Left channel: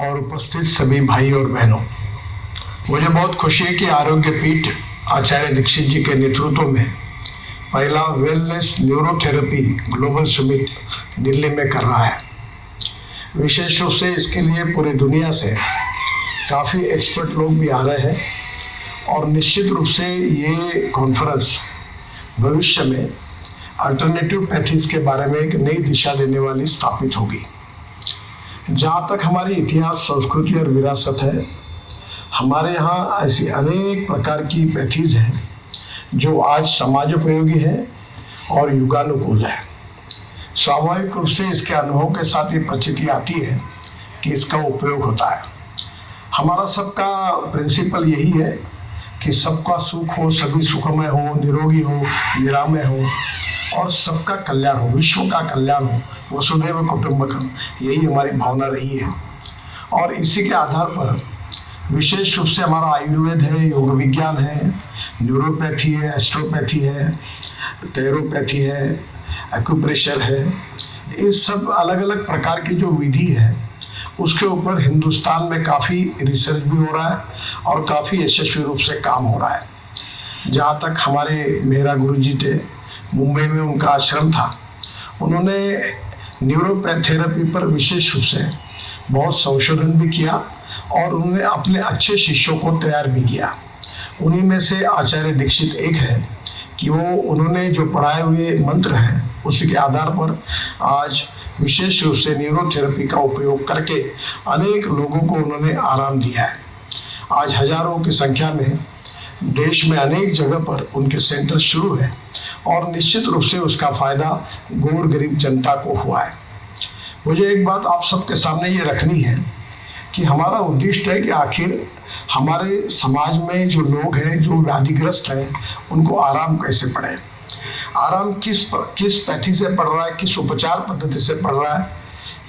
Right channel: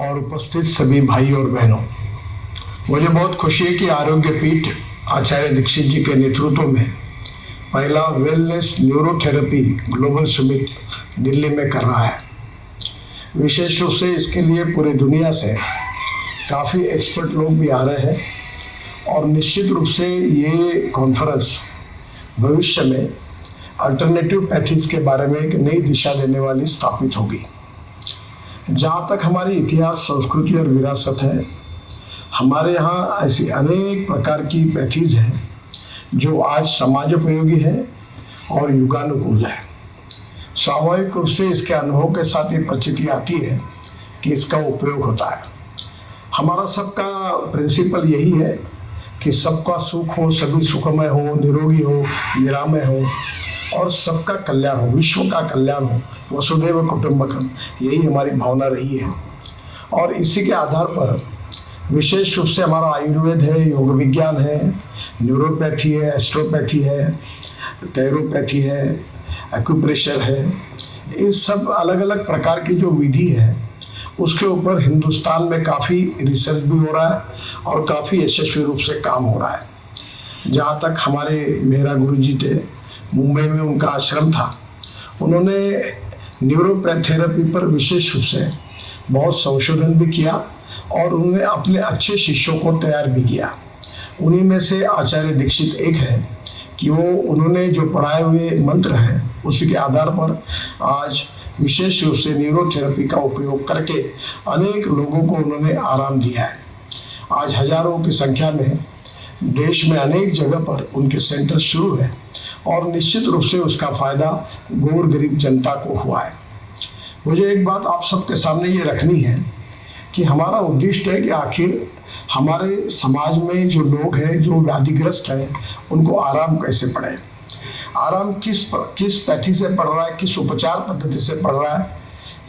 और उपस्थित सभी भाई और बहनों, मुझे बहुत खुशी है कि आरोग्य पीठ आचार्य दीक्षित जी के नेतृत्व में पहला wellness neurotherapy global summit Delhi में कर रहा है। विशेष रूप से इसके लिए पूरी दुनिया से काफ़ी एक्सपर्ट लोग भी आ रहे हैं और निश्चित रूप से ये कॉन्फ्रेंस भविष्य में अल्टरनेटिव पैथीज के बारे में एक नई दिशा देने वाली स्थापित होगी। जहाँ तक हमारी इतिहास, संस्कृति और विरासत है, हमारे यहाँ ऐसी अनेक प्रकार की पैथीज हैं जो आज समाजोपयोगी है और युगानुकूल है। स्वाभाविक रूप से इसके अनुभव के साथ ये प्रचिति आती है कि इसका उपयोग होता है। हमारा सबका प्रिंसिपल यही है कि सबका सुख हो, सभी सुखमय हो, निरोगी हो, निरामय हो और सबका कल्याण हो, विश्व का कल्याण हो, वसुधैव कुटुंबकम, यही हमारी भावना रही है। और इसी के आधार पर विशेष रूप से हमारा आयुर्वेद है, योग विज्ञान है, न्यूरोपैथी है, एस्ट्रोपैथी है, कैरोपैथी है, एक्यूप्रेशर है, इस सब अलग अलग प्रकार की जो विधि है उसके ऊपर हिंदुस्तान में काफ़ी रिसर्च भी हो रहा है और काफ़ी यशस्वी रूप से काम हो रहा है। जहाँ तक हमारे मेहरा गुरु जी थे, मुंबई में उनका आश्रम था, उन्होंने न्यूरोथेरेपी पर विशेष रूप से बहुत संशोधन भी किया और उन्होंने अपने अच्छे शिष्यों को तैयार भी किया। उन्हीं में से आचार्य दीक्षित एक है कि उन्होंने जो पढ़ाए हुए मंत्र हैं उसी के आधार पर आज विशेष रूप से न्यूरोथेरेपी का उपयोग करके अनेक लोगों को उन्होंने आराम दिया है। आज हजारों की संख्या में देश में अनेक जगह पर उनके सेंटर शुरू है और निश्चित रूप से उसका फायदा गौर गरीब जनता को हुआ है। मुझे एक बात आप सबके सामने ये रखनी है कि हमारा उद्देश्य है कि आखिर हमारे समाज में जो लोग हैं, जो व्याधिग्रस्त हैं, उनको आराम कैसे पड़े। आराम किस पैथी से पड़ रहा है, किस उपचार पद्धति से पड़ रहा है,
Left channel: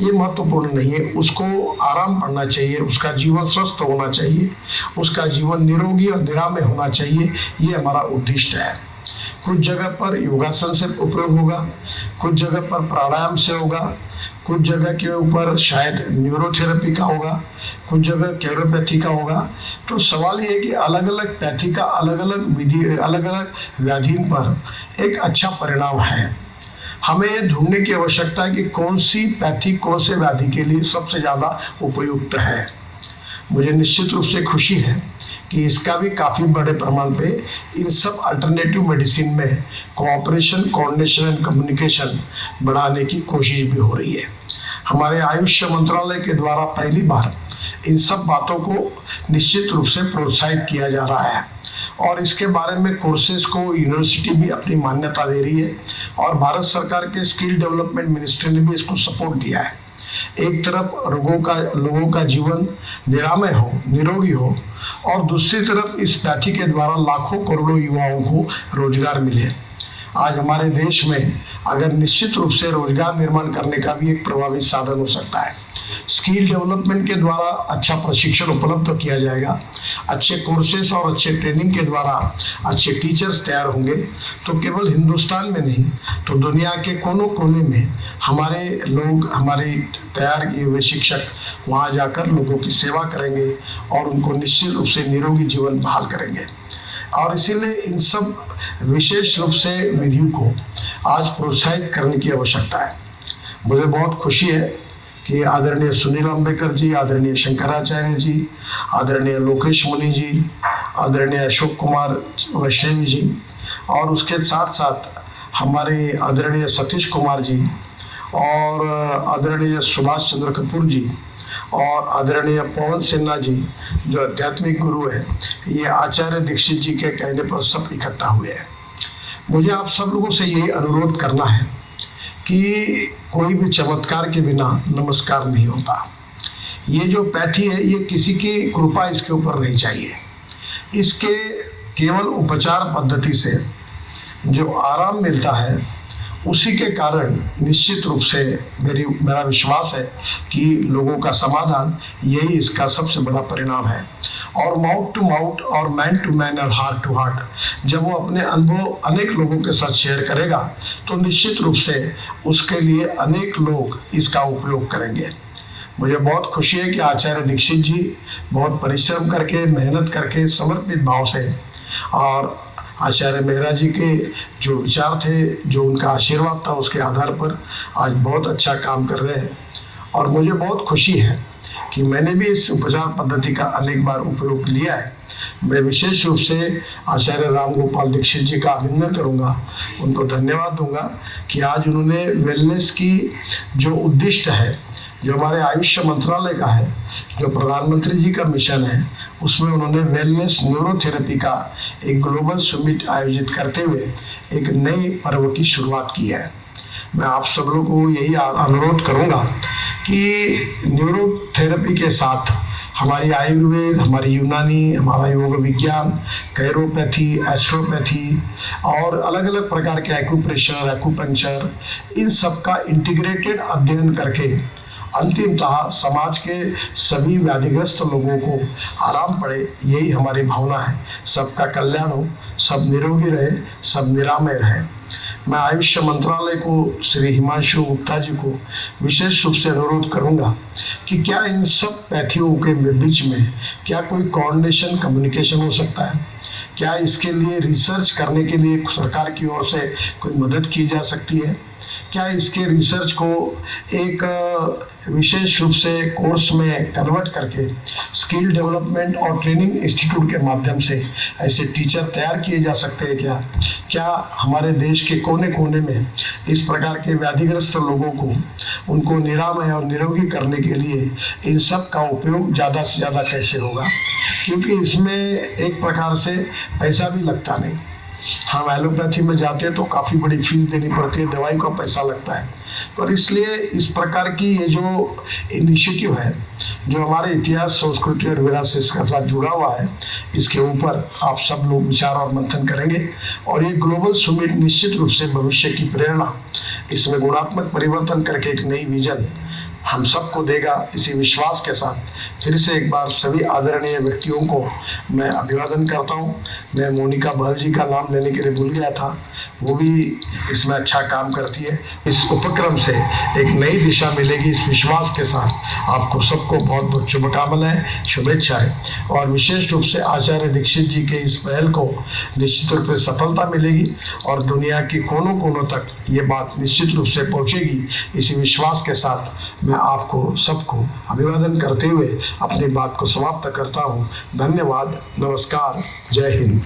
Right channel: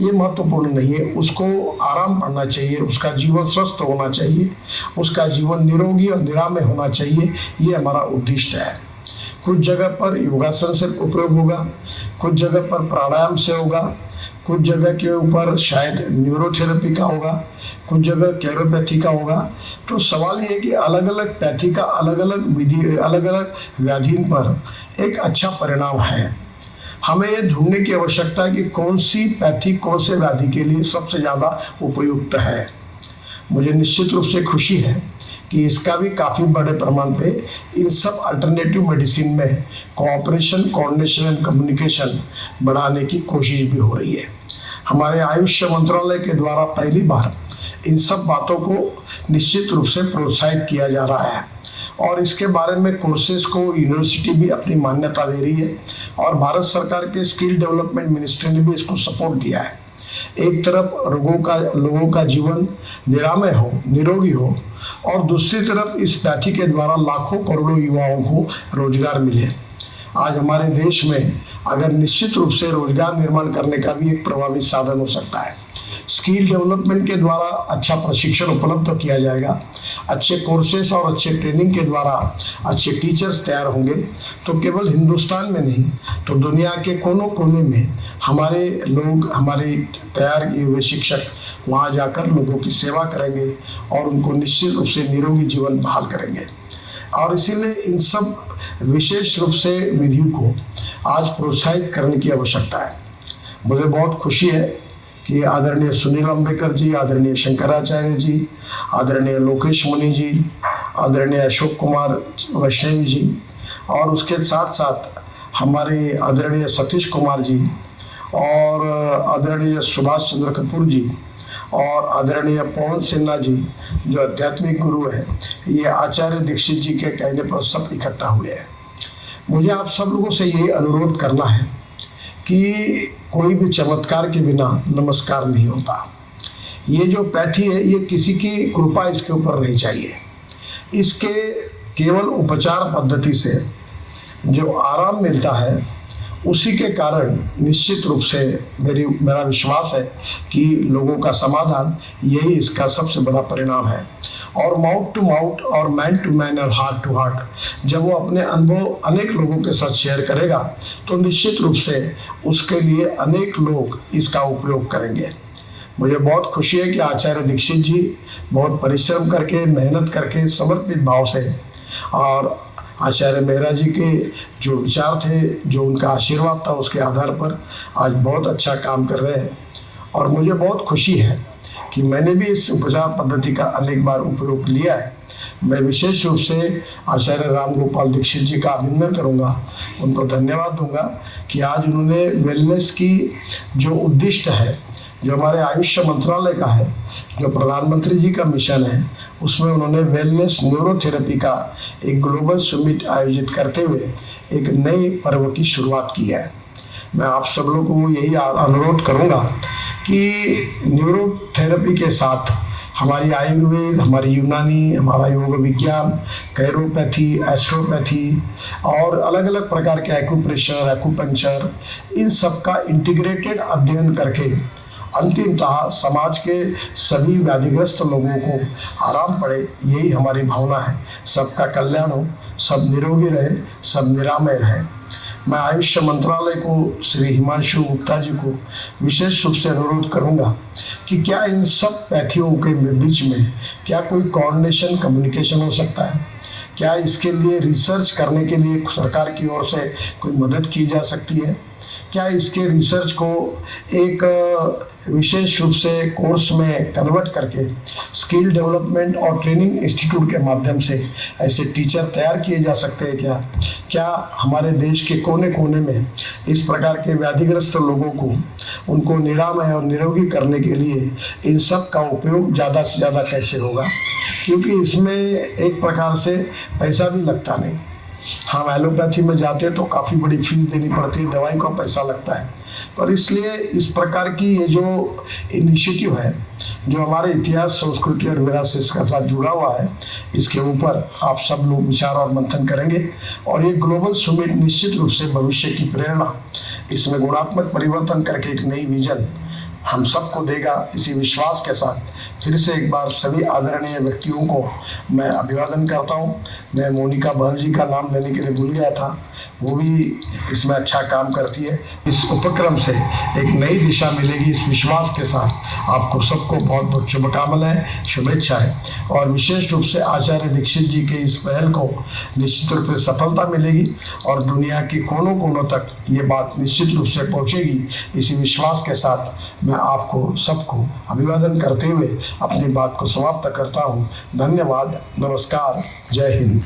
ये महत्वपूर्ण नहीं है। उसको आराम पड़ना चाहिए, उसका जीवन स्वस्थ होना चाहिए, उसका जीवन निरोगी और निरामय होना चाहिए, ये हमारा उद्देश्य है। कुछ जगह पर योगासन से उपयोग होगा, कुछ जगह पर प्राणायाम से होगा, कुछ जगह के ऊपर शायद न्यूरोथेरेपी का होगा, कुछ जगह कैरोपैथी का होगा। तो सवाल ये है कि अलग अलग पैथी का अलग अलग विधि, अलग अलग व्याधि पर एक अच्छा परिणाम है। हमें ये ढूंढने की आवश्यकता है कि कौन सी पैथी कौन से व्याधि के लिए सबसे ज़्यादा उपयुक्त है। मुझे निश्चित रूप से खुशी है कि इसका भी काफ़ी बड़े प्रमाण पे इन सब अल्टरनेटिव मेडिसिन में कोऑपरेशन, कोऑर्डिनेशन एंड कम्युनिकेशन बढ़ाने की कोशिश भी हो रही है। हमारे आयुष मंत्रालय के द्वारा पहली बार इन सब बातों को निश्चित रूप से प्रोत्साहित किया जा रहा है और इसके बारे में कोर्सेज को यूनिवर्सिटी भी अपनी मान्यता दे रही है और भारत सरकार के स्किल डेवलपमेंट मिनिस्ट्री ने भी इसको सपोर्ट दिया है। एक तरफ लोगों का जीवन निरामय हो, निरोगी हो और दूसरी तरफ इस पैथी के द्वारा लाखों करोड़ों युवाओं को रोजगार मिले। आज हमारे देश में अगर निश्चित रूप से रोजगार निर्माण करने का भी एक प्रभावी साधन हो सकता है। स्किल डेवलपमेंट के द्वारा अच्छा प्रशिक्षण उपलब्ध किया जाएगा, अच्छे कोर्सेस और अच्छे ट्रेनिंग के द्वारा अच्छे टीचर्स तैयार होंगे, तो केवल हिंदुस्तान में नहीं तो दुनिया के कोनों कोने में हमारे लोग, हमारे तैयार किए हुए शिक्षक वहाँ जाकर लोगों की सेवा करेंगे और उनको निश्चित रूप से निरोगी जीवन बहाल करेंगे। और इसीलिए इन सब विशेष रूप से विधियों को आज प्रोत्साहित करने की आवश्यकता है। मुझे बहुत खुशी है कि आदरणीय सुनील अंबेकर जी, आदरणीय शंकराचार्य जी, आदरणीय लोकेश मुनि जी, आदरणीय अशोक कुमार वैष्णवी जी और उसके साथ साथ हमारे आदरणीय सतीश कुमार जी और आदरणीय सुभाष चंद्र कपूर जी और आदरणीय पवन सिन्हा जी जो आध्यात्मिक गुरु है, ये आचार्य दीक्षित जी के कहने पर सब इकट्ठा हुए हैं। मुझे आप सब लोगों से यही अनुरोध करना है कि कोई भी चमत्कार के बिना नमस्कार नहीं होता। ये जो पैथी है ये किसी की कृपा इसके ऊपर नहीं चाहिए। इसके केवल उपचार पद्धति से जो आराम मिलता है उसी के कारण निश्चित रूप से मेरा विश्वास है कि लोगों का समाधान यही इसका सबसे बड़ा परिणाम है। और माउथ टू माउथ और मैन टू मैन और हार्ट टू हार्ट जब वो अपने अनुभव अनेक लोगों के साथ शेयर करेगा तो निश्चित रूप से उसके लिए अनेक लोग इसका उपयोग करेंगे। मुझे बहुत खुशी है कि आचार्य दीक्षित जी बहुत परिश्रम करके, मेहनत करके, समर्पित भाव से और आचार्य मेहरा जी के जो विचार थे, जो उनका आशीर्वाद था, उसके आधार पर आज बहुत अच्छा काम कर रहे हैं। और मुझे बहुत खुशी है कि मैंने भी इस उपचार पद्धति का अनेक बार उपयोग लिया है। मैं विशेष रूप से आचार्य राम गोपाल दीक्षित जी का अभिनंदन करूंगा, उनको धन्यवाद दूंगा कि आज उन्होंने वेलनेस की जो उद्दिष्ट है, जो हमारे आयुष मंत्रालय का है, जो प्रधानमंत्री जी का मिशन है, उसमें उन्होंने वेलनेस न्यूरोथेरेपी का एक ग्लोबल समिट आयोजित करते हुए एक नए पर्व की शुरुआत की है। मैं आप सब लोगों को यही अनुरोध करूंगा कि न्यूरोथेरेपी के साथ हमारी आयुर्वेद, हमारी यूनानी, हमारा योग विज्ञान, कैरोपैथी, एस्ट्रोपैथी और अलग अलग प्रकार के एक्यूप्रेशर, एक्यूपंक्चर, इन सब का इंटीग्रेटेड अध्ययन करके अंतिमतः समाज के सभी व्याधिग्रस्त लोगों को आराम पड़े, यही हमारी भावना है। सबका कल्याण हो, सब निरोगी रहे, सब निरामय रहे। मैं आयुष मंत्रालय को, श्री हिमांशु गुप्ता जी को विशेष रूप से अनुरोध करूंगा कि क्या इन सब पैथियों के बीच में क्या कोई कोऑर्डिनेशन, कम्युनिकेशन हो सकता है? क्या इसके लिए रिसर्च करने के लिए सरकार की ओर से कोई मदद की जा सकती है? क्या इसके रिसर्च को एक विशेष रूप से कोर्स में कन्वर्ट करके स्किल डेवलपमेंट और ट्रेनिंग इंस्टीट्यूट के माध्यम से ऐसे टीचर तैयार किए जा सकते हैं क्या? क्या हमारे देश के कोने कोने में इस प्रकार के व्याधिग्रस्त लोगों को, उनको निरामय और निरोगी करने के लिए इन सब का उपयोग ज़्यादा से ज़्यादा कैसे होगा? क्योंकि इसमें एक प्रकार से पैसा भी लगता नहीं। हम एलोपैथी में जाते हैं तो काफ़ी बड़ी फीस देनी पड़ती है, दवाई का पैसा लगता है, पर इसलिए इस प्रकार की ये जो इनिशिएटिव है, जो हमारे इतिहास, संस्कृति और विरासत के साथ जुड़ा हुआ है, इसके ऊपर आप सब लोग विचार और मंथन करेंगे और ये ग्लोबल समिट निश्चित रूप से भविष्य की प्रेरणा, इसमें गुणात्मक परिवर्तन करके एक नई विजन हम सबको देगा। इसी विश्वास के साथ फिर से एक बार सभी आदरणीय व्यक्तियों को मैं अभिवादन करता हूं। मैं मोनिका बहल जी का नाम लेने के लिए भूल गया था, वो भी इसमें अच्छा काम करती है। इस उपक्रम से एक नई दिशा मिलेगी, इस विश्वास के साथ आपको सबको बहुत बहुत शुभकामनाएं, शुभेच्छाएं। और विशेष रूप से आचार्य दीक्षित जी के इस पहल को निश्चित रूप से सफलता मिलेगी और दुनिया के कोनों कोनों तक ये बात निश्चित रूप से पहुंचेगी। इसी विश्वास के साथ मैं आपको सबको अभिवादन करते हुए अपनी बात को समाप्त करता हूँ। धन्यवाद, नमस्कार, जय हिंद।